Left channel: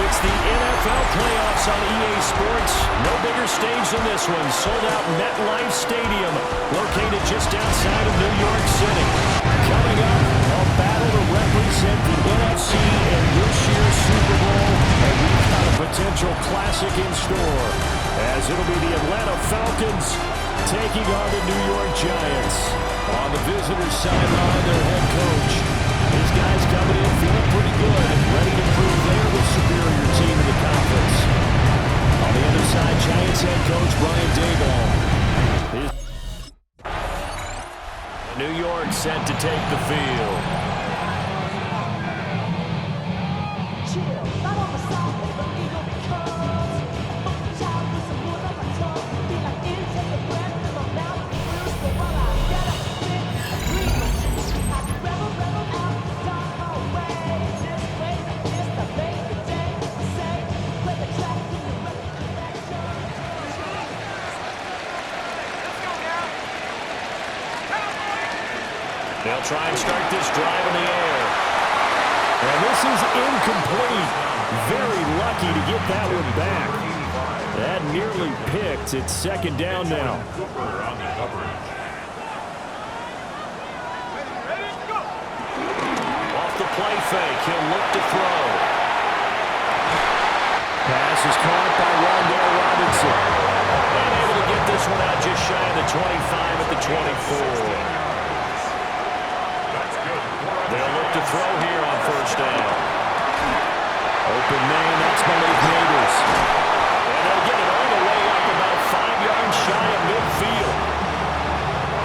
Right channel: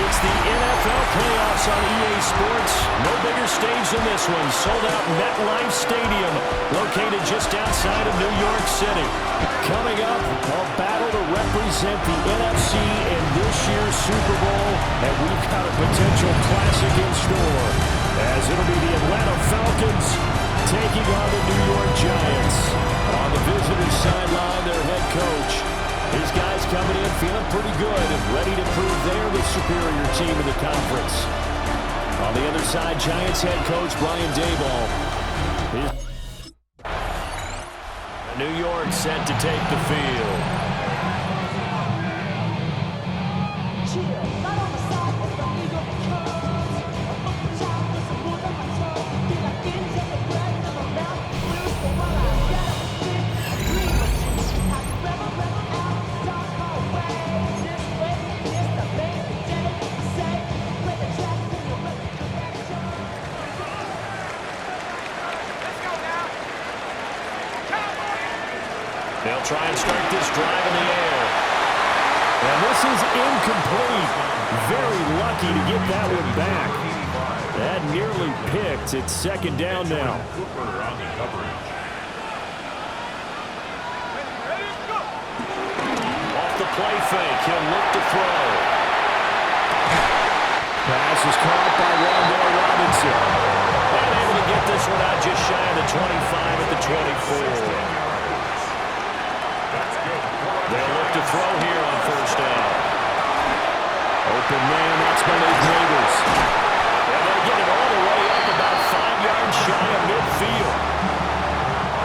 It's the NFL playoffs on EA Sports. No bigger stage than this one. Sold out MetLife Stadium, located just outside of New York City. Coming up, a battle to represent the NFC in this year's Super Bowl, and we've got a potential classic in store, as it'll be the Atlanta Falcons taking on the New York Giants. On the visitors' sideline, their head coach. His guys coming in feeling pretty good and ready to prove they're the superior team in the conference. On the other side, Giants head coach Brian Daboll. New York set to take the field. They'll try and start this drive in the air. And this is incomplete. Very lucky to get that one back. That nearly picked. It's second down now. Off the play fake, he'll look to throw. Pass is caught by Rondale Robinson. And able to get this one out just shy of the 25 at the 24. They'll look to throw here on first down. Open man, that's Malik Neighbors. And they'll get it all the way up about 5 yards shy of midfield.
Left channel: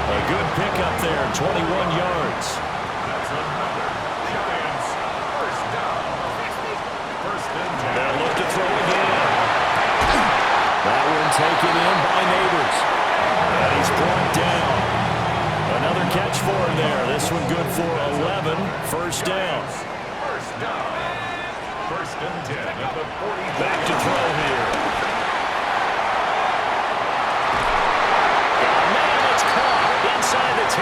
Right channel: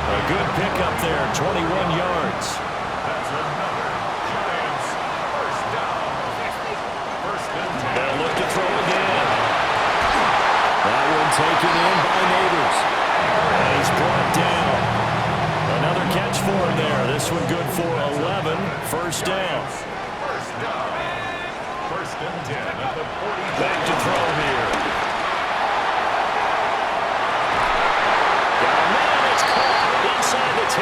A good pickup there, 21 yards. That's another Giants first down. First and 10. They'll look to throw again. That one taken in by Neighbors. And he's brought down. Another catch for him there. This one good for 11. First down. First down. First and 10 at the 40. Back to throw here. Got a man. It's caught inside the 10.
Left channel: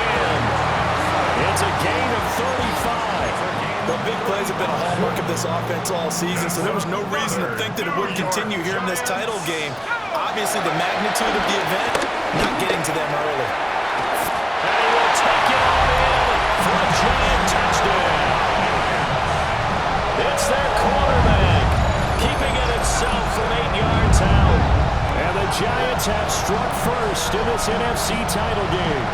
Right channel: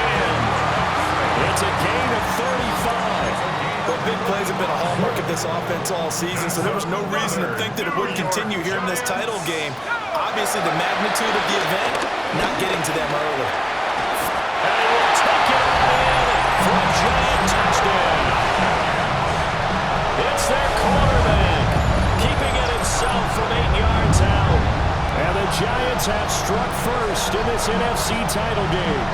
It's a gain of 35. The big plays have been a hallmark of this offense all season, so there was no reason to think that it wouldn't continue here in this title game. Obviously, the magnitude of the event, not getting to them early. And he will take it all in for a Giant touchdown. It's their quarterback, keeping it himself from 8 yards out. And the Giants have struck first in this NFC title game.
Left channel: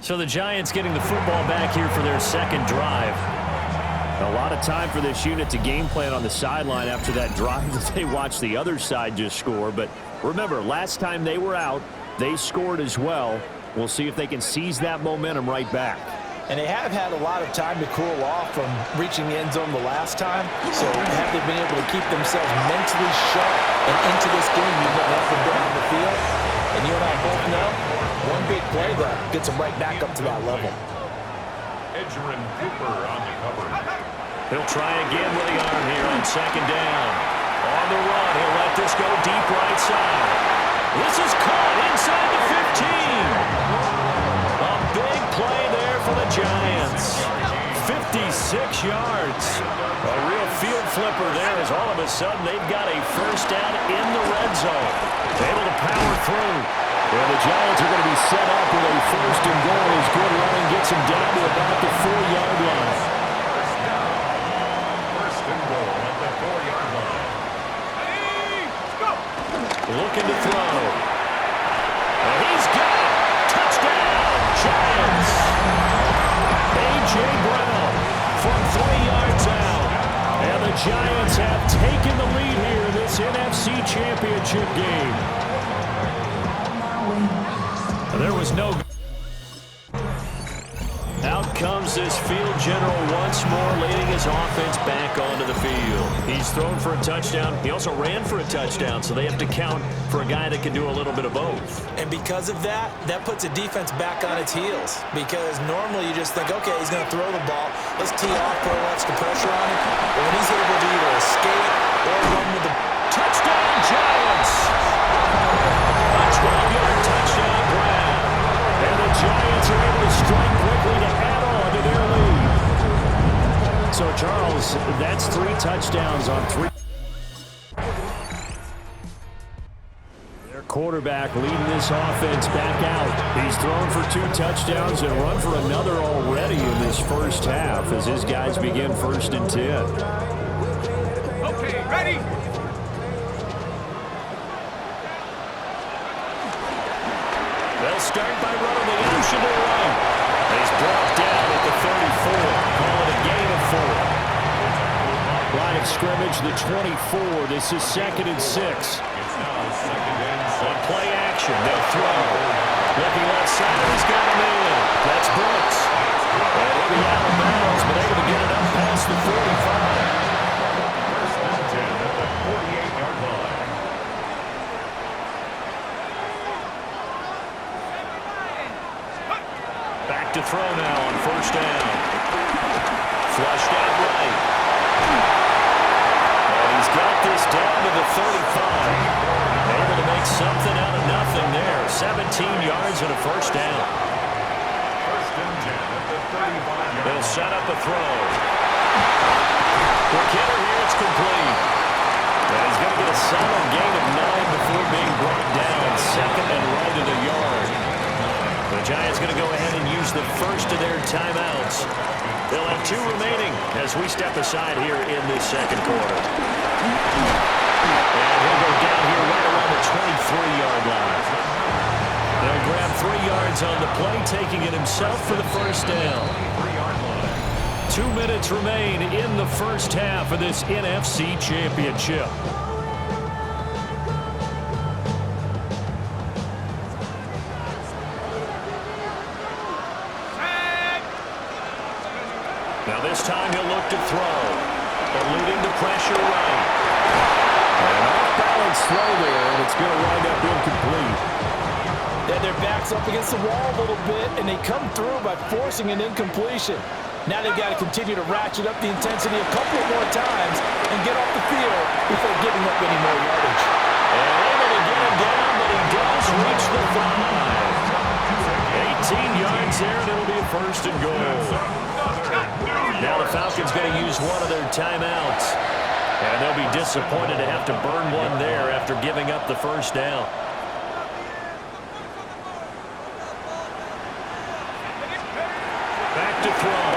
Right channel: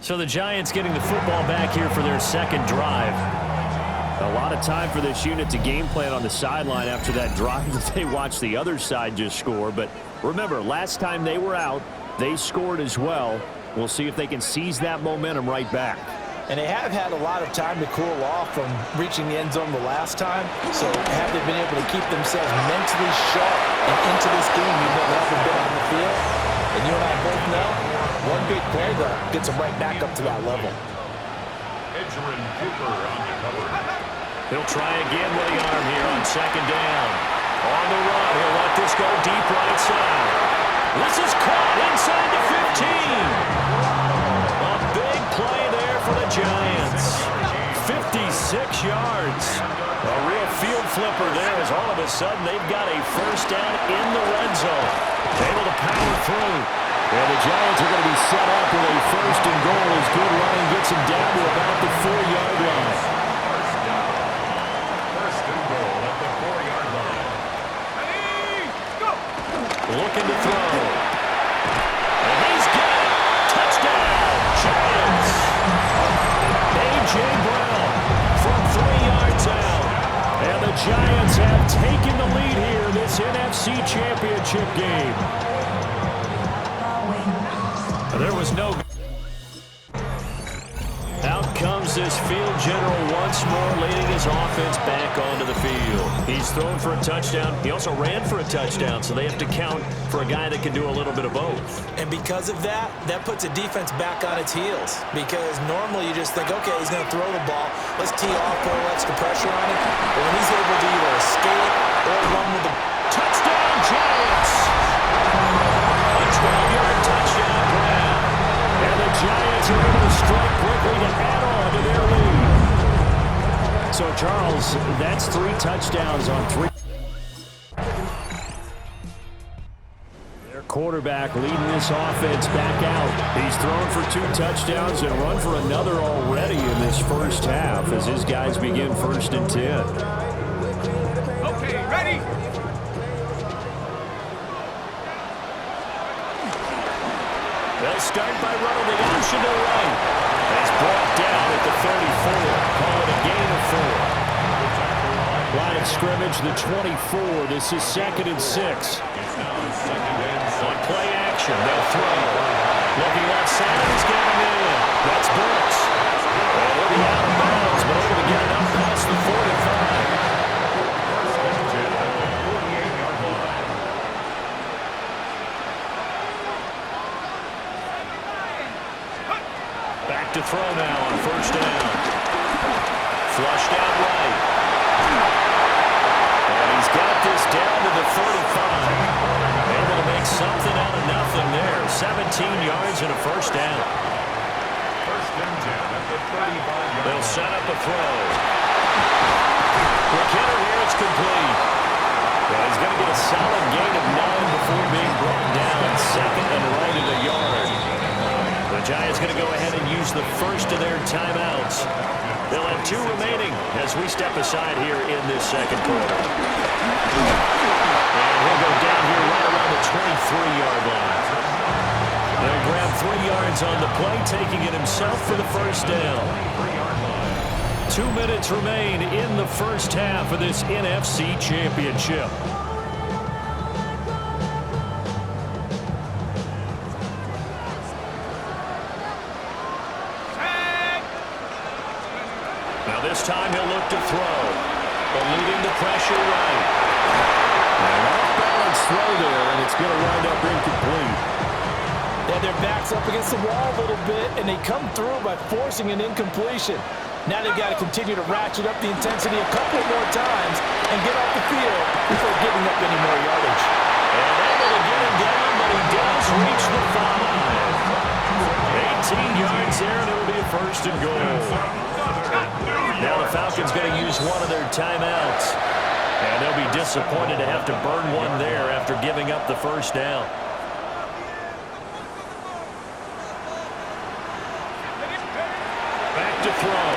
So the Giants getting the football back here for their second drive. A lot of time for this unit to game plan on the sideline after that drive that they watched the other side just score. But remember, last time they were out, they scored as well. We'll see if they can seize that momentum right back. And they have had a lot of time to cool off from reaching the end zone the last time. So have they been able to keep themselves mentally sharp and into this game even though they haven't been on the field? And you and I both know, one big play, though, gets them right back up to that level. Edgerrin Cooper on the cover. He'll try again with the arm here on second down. On the run, he'll let this go deep right side. This is caught inside the 15. A big play there for the Giants. 56 yards. A real field flipper there as all of a sudden they've got a first down in the red zone. Able to power through. And the Giants are going to be set up with a first and goal as good running gets them down to about the 4-yard line. First down. First and goal at the 4-yard line. Go! Looking to throw. And he's got it. Touchdown, Giants. A.J. Brown from 3 yards out. And the Giants have taken the lead here in this NFC Championship game. There was no... Out comes this field general once more, leading his offense back onto the field. He's thrown for a touchdown. He also ran for a touchdown, so they have to count for a guy that can do a little bit of both. And because of that, that puts a defense back on its heels. Because normally you just think, okay, he's going to throw the ball. Let's tee off, put a little extra pressure on him. But when he's able to either escape or run with the... Touchdown, Giants! A 12-yard touchdown grab. And the Giants are able to strike quickly to add on to their lead. So, Charles, that's 3 touchdowns on 3. Their quarterback leading this offense back out. He's thrown for 2 touchdowns and run for another already in this first half as his guys begin 1st and 10. Okay, ready? They'll start by running the option to the right. He's brought down at the 34. Call it a gain of 4. Line of scrimmage, the 24. This is 2nd and 6. It's now 2nd and 6. On play action, they'll throw. Looking left side, and he's got him in. That's Brooks. And he'll be out of bounds, but able to get it up past the 45. 1st and 10 at the 48-yard line. Back to throw now on 1st down. Flushed out right. And he's got this down to the 35. Able to make something out of nothing there. 17 yards and a 1st down. 1st and 10 at the 35-yard line. They'll set up a throw. Quick hitter here, it's complete. And he's going to get a solid gain of 9 before being brought down. 2nd and right at a yard. The Giants going to go ahead and use the first of their timeouts. They'll have 2 remaining as we step aside here in this 2nd quarter. And he'll go down here right around the 23-yard line. They'll grab 3 yards on the play, taking it himself for the 1st down. 23-yard line. 2 minutes remain in the first half of this NFC Championship. Now this time he'll look to throw. Eluding the pressure right. And an off-balance throw there, and it's going to wind up incomplete. Yeah, their back's up against the wall a little bit, and they come through by forcing an incompletion. Now they've got to continue to ratchet up the intensity a couple more times and get off the field before giving up any more yardage. And able to get him down, but he does reach the 5. 18 yards there, and it'll be a 1st and goal. Now the Falcons going to use one of their timeouts. And they'll be disappointed to have to burn one there after giving up the 1st down. Back to throw.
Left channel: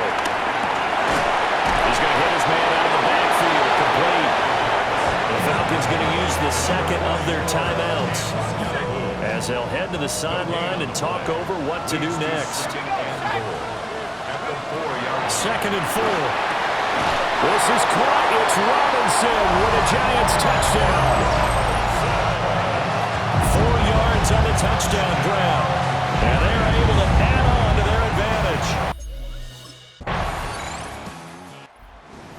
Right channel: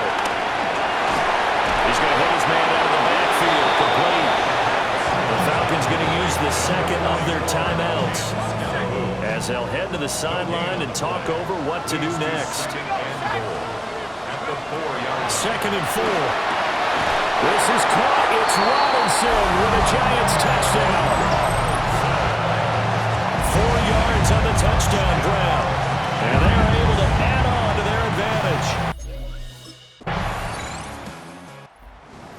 He's going to hit his man out of the backfield, complete. The Falcons going to use the 2nd of their timeouts as they'll head to the sideline and talk over what to do next. 2nd and 4. This is caught. It's Robinson with a Giants touchdown. 4 yards on the touchdown grab. And they're able to add on to their advantage.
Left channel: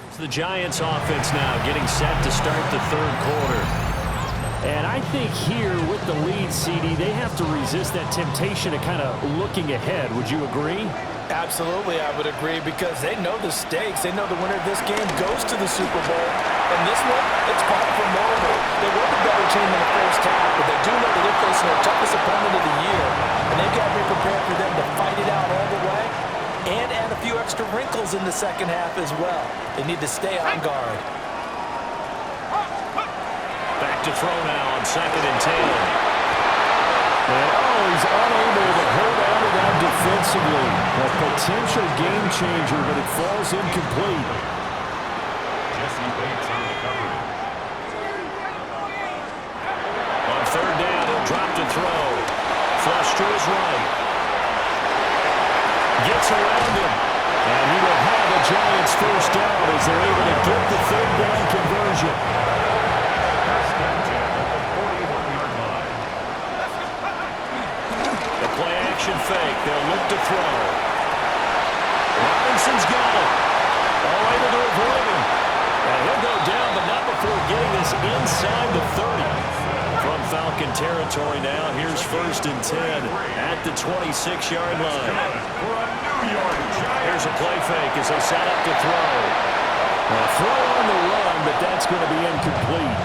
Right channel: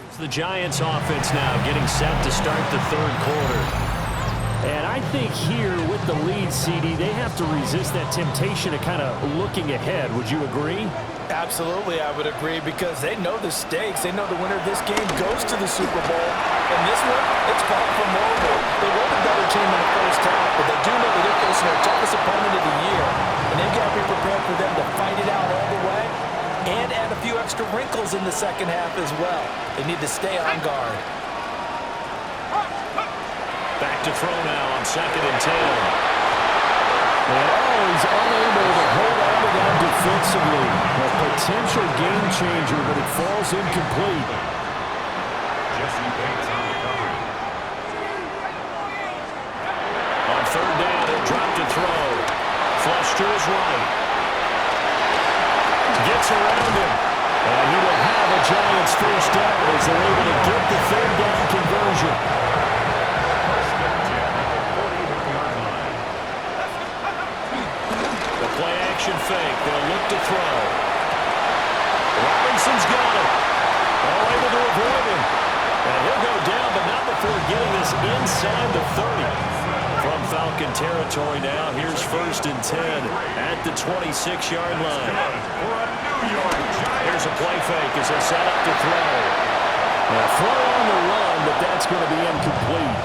It's the Giants offense now getting set to start the 3rd quarter. And I think here with the lead, CD, they have to resist that temptation of kind of looking ahead. Would you agree? Absolutely, I would agree, because they know the stakes. They know the winner of this game goes to the Super Bowl. And this one, it's far from over. They were the better team in the first half, but they do know that they're facing their toughest opponent of the year. And they've got to be prepared for them to fight it out all the way and add a few extra wrinkles in the second half as well. They need to stay on guard. Back to throw now on 2nd and 10. And he's unable to hold on to that defensively. A potential game changer, but it falls incomplete. Jesse Bates on the coverage. On 3rd down, he'll drop to throw. Flush to his right. Gets around him. And he will have a Giants 1st down as they're able to get the 3rd down conversion. 1st and 10 at the 41-yard line. The play Play-action fake. They'll look to throw. Robinson's got it. Oh, able to avoid him. And he'll go down, but not before getting this inside the 30. From Falcon territory now, here's 1st and 10 at the 26-yard line. Here's a play fake as they set up to throw. Now, throw on the run, but that's going to be incomplete.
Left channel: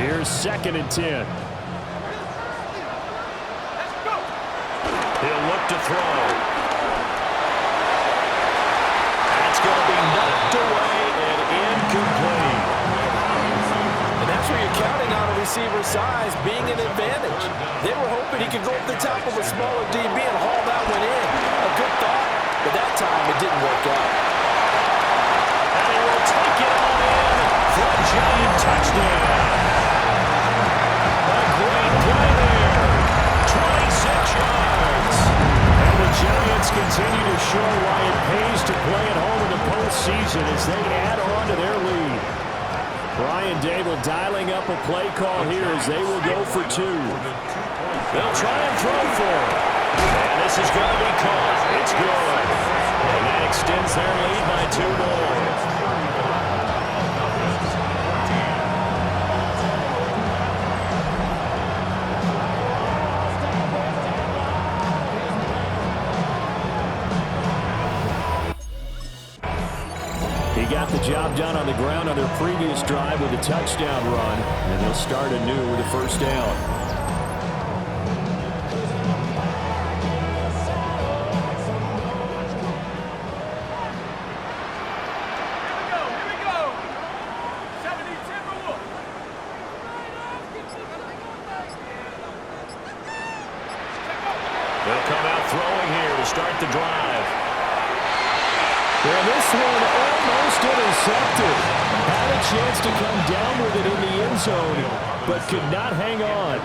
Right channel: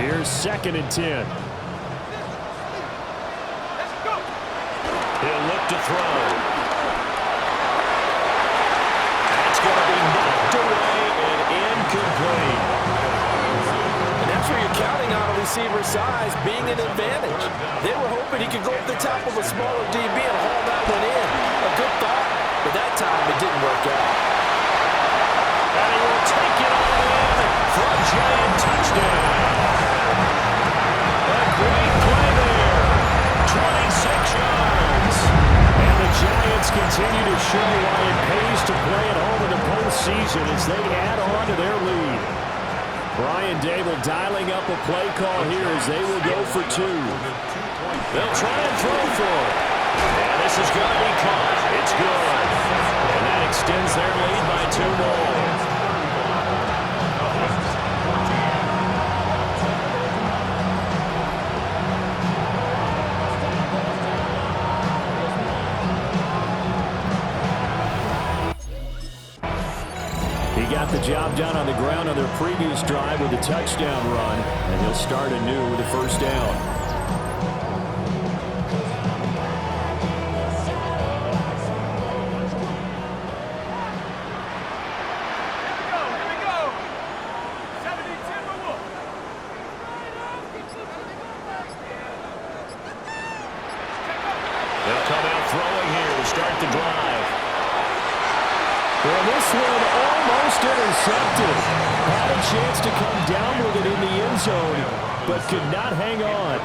Here's 2nd and 10. He'll look to throw. That's going to be knocked away and incomplete. And that's where you're counting on a receiver's size being an advantage. They were hoping he could go up the top of a smaller DB and haul that one in. A good thought, but that time it didn't work out. And he will take it all in for a Giant touchdown. A great play there. 26 yards. And the Giants continue to show why it pays to play at home in the postseason as they add on to their lead. Brian Dable dialing up a play call here as they will go for 2. They'll try and throw for it. And this is going to be caught. It's good. And that extends their lead by 2 more. He got the job done on the ground on their previous drive with a touchdown run, and he'll start anew with a 1st down. Here we go. 70-10 for Wolf. They'll come out throwing here to start the drive. Well, this one almost intercepted. Had a chance to come down with it in the end zone, but could not hang on.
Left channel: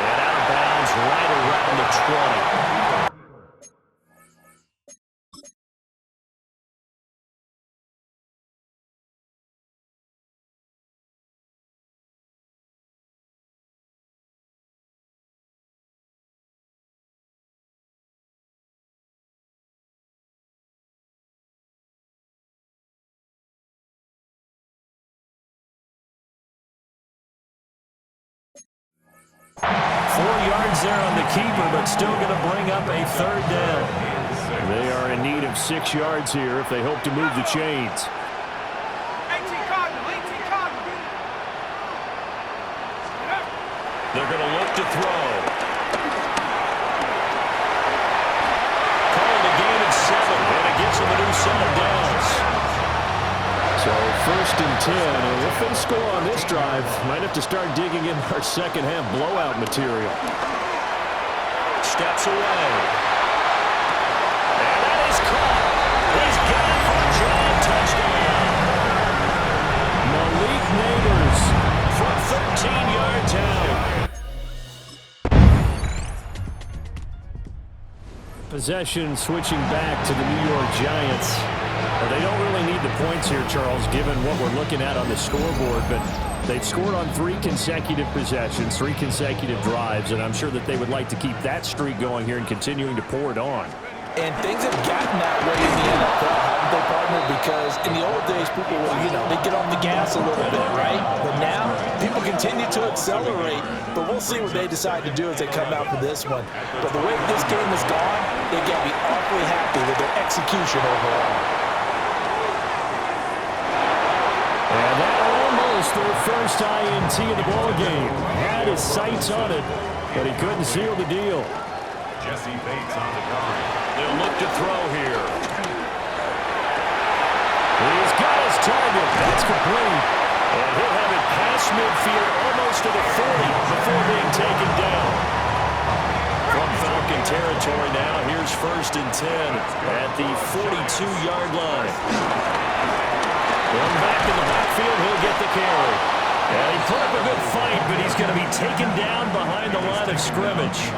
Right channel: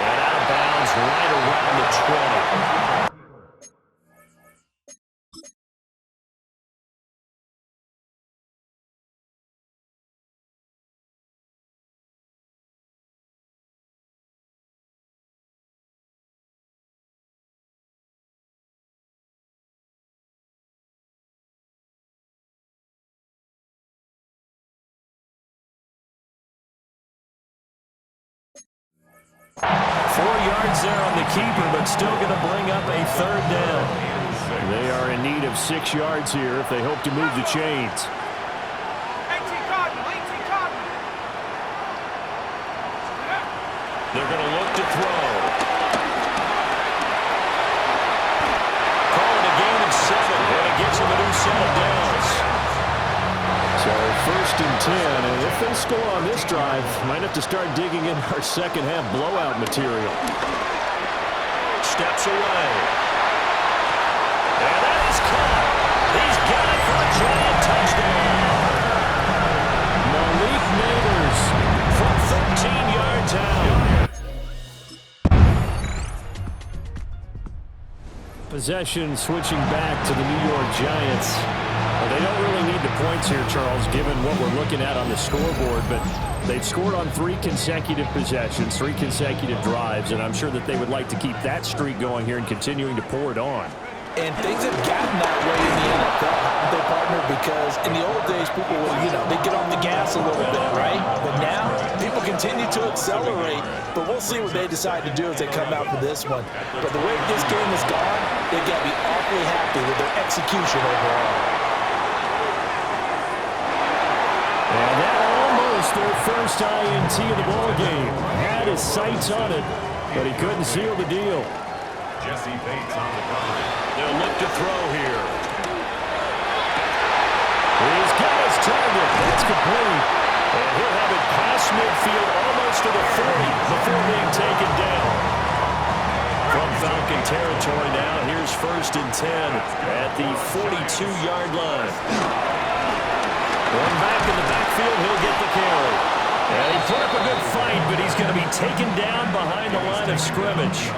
And out of bounds right around the 20. Four yards there on the keeper, but still going to bring up a 3rd down. They are in need of 6 yards here if they hope to move the chains. 18 Cardinal. They're going to look to throw. Called a gain of 7, and it gets them a new set of downs. So 1st and 10, and if they score on this drive, might have to start digging in our second half blowout material. Steps away. And that is caught. He's got it for a Giant touchdown. Malik Neighbors from 13 yards out. Possession switching back to the New York Giants. They don't really need the points here, Charles, given what we're looking at on the scoreboard, but they've scored on 3 consecutive possessions, 3 consecutive drives, and I'm sure that they would like to keep that streak going here and continuing to pour it on. And things have gotten that way in the NFL, haven't they, partner? Because in the old days, people would, they'd get off the gas a little bit, right? But now, people continue to accelerate, but we'll see what they decide to do as they come out for this one. But the way this game has gone, they've got to be awfully happy with their execution overall. And that almost their first INT of the ballgame. Had his sights on it, but he couldn't seal the deal. Jesse Bates on the coverage. They'll look to throw here. He's got his target. That's complete. And he'll have it past midfield almost to the 40 before being taken down. From Falcon territory now, here's 1st and 10 at the 42-yard line. One back in the backfield, he'll get the carry. And he put up a good fight, but he's going to be taken down behind the line of scrimmage.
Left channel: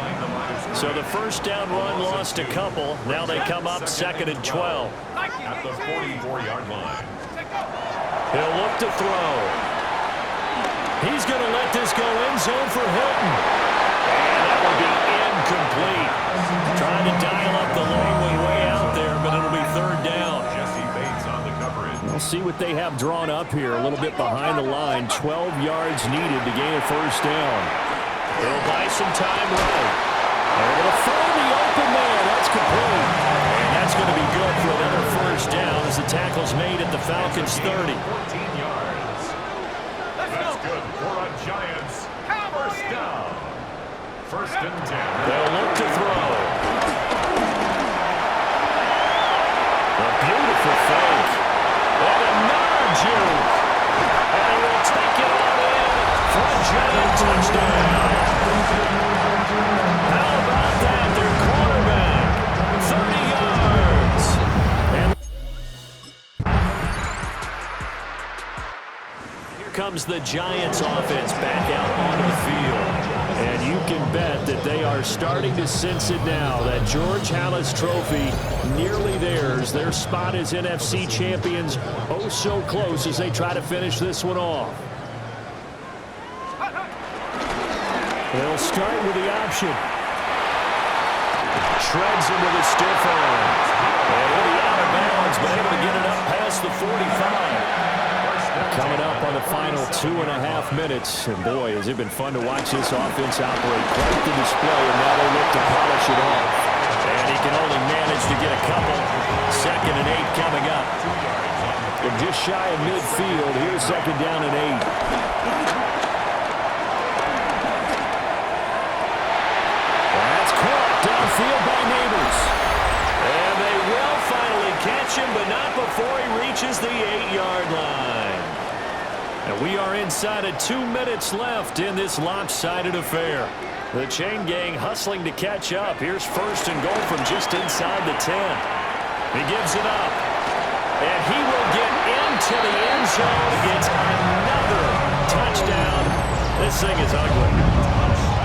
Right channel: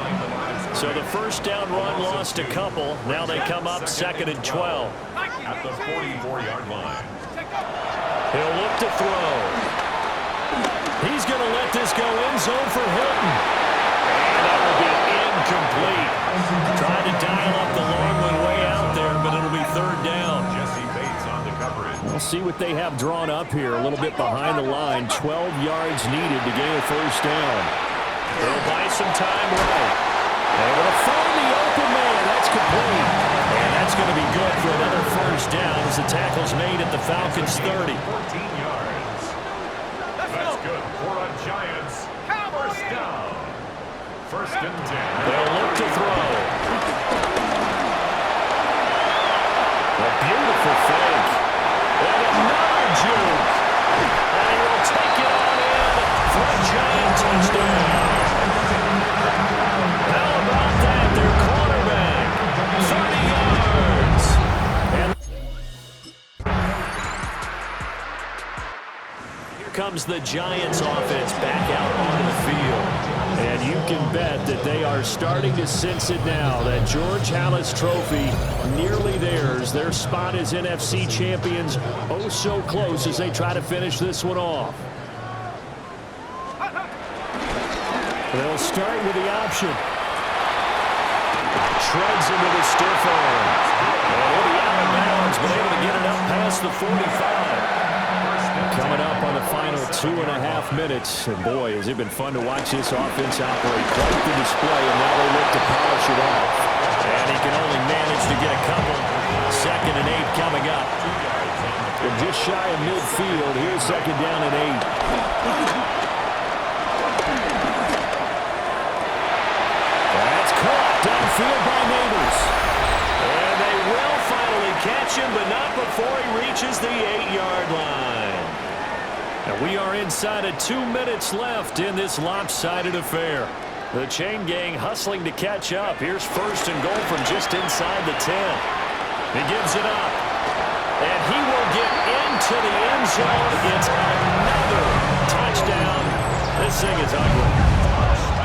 So the 1st down run lost a couple. Now they come up 2nd and 12. At the 44-yard line. He'll look to throw. He's going to let this go end zone for Hilton. And that will be incomplete. Trying to dial up the long one way out there, but it'll be third down. Jesse Bates on the coverage. We'll see what they have drawn up here. A little bit behind the line. 12 yards needed to gain a first down. They'll buy some time right. Able to find the open man. That's complete. And that's going to be good for another first down as the tackle's made at the Falcons' 30. 14 yards. That's good for a Giants. First down. First and 10. They'll look to throw. A beautiful fake. And another juke. And he will take it on in for a Giant touchdown. How about that? Their quarterback. 30 yards. And here comes the Giants offense back out onto the field. And you can bet that they are starting to sense it now. That George Halas trophy nearly theirs. Their spot as NFC champions oh so close as they try to finish this one off. They'll start with the option. Shreds into the stiff arm. And he'll be out of bounds, but able to get it up past the 45. Coming up on the final 2.5 minutes. And boy, has it been fun to watch this offense operate. Quite the display, and now they look to polish it off. And he can only manage to get a couple. 2nd and 8 coming up. From just shy of midfield, here's 2nd down and 8. That's caught downfield by Neighbors. And they will finally catch him, but not before he reaches the 8-yard line. And we are inside of 2 minutes left in this lopsided affair. The chain gang hustling to catch up. Here's 1st and goal from just inside the 10. He gives it up. And he will get into the end zone. It's another touchdown. This thing is ugly.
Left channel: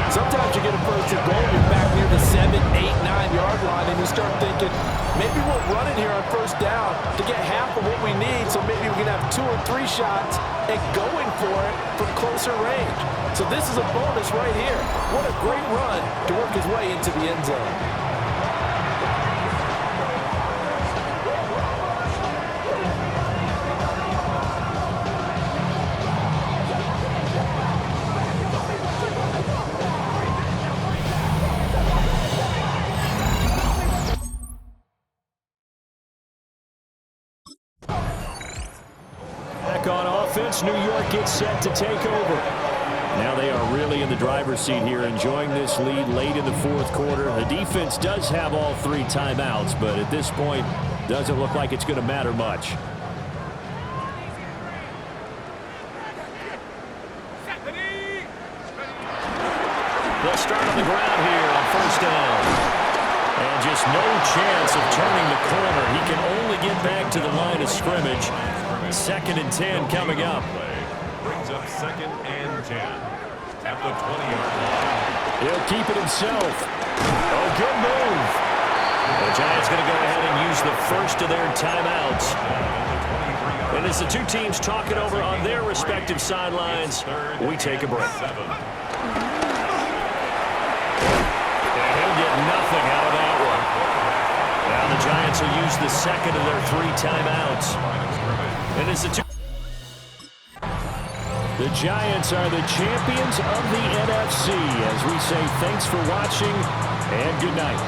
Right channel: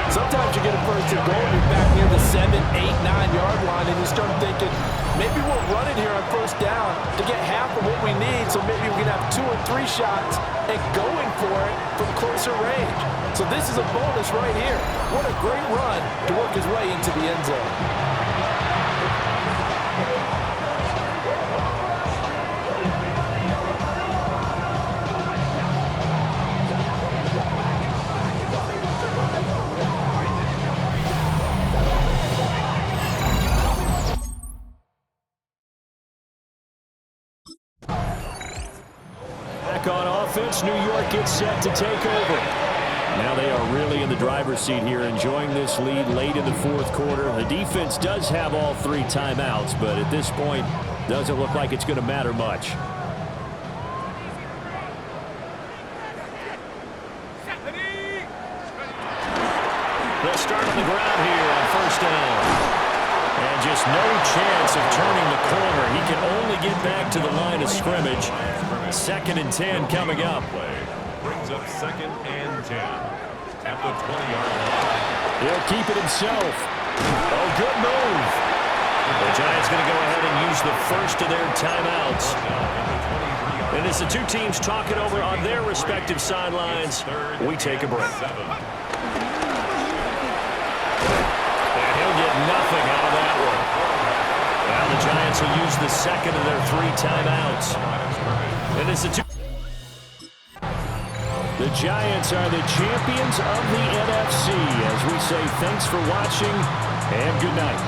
Sometimes you get a first and goal, you're back near the 7, 8, 9-yard line, and you start thinking, maybe we'll run it here on first down to get half of what we need, so maybe we can have 2 or 3 shots and going for it from closer range. So this is a bonus right here. What a great run to work his way into the end zone. On offense, New York gets set to take over. Now they are really in the driver's seat here, enjoying this lead late in the 4th quarter. The defense does have all 3 timeouts, but at this point, doesn't look like it's going to matter much. They'll start on the ground here on first down. And just no chance of turning the corner. He can only get back to the line of scrimmage. 2nd and 10 coming up. Brings up 2nd and 10 at the 20-yard line. He'll keep it himself. Oh, good move. The Giants going to go ahead and use the first of their timeouts. And as the 2 teams talk it over on their respective sidelines, we take a break. And he'll get nothing out of that one. Now the Giants will use the 2nd of their 3 timeouts. And it's the Giants are the champions of the NFC. As we say, thanks for watching and good night.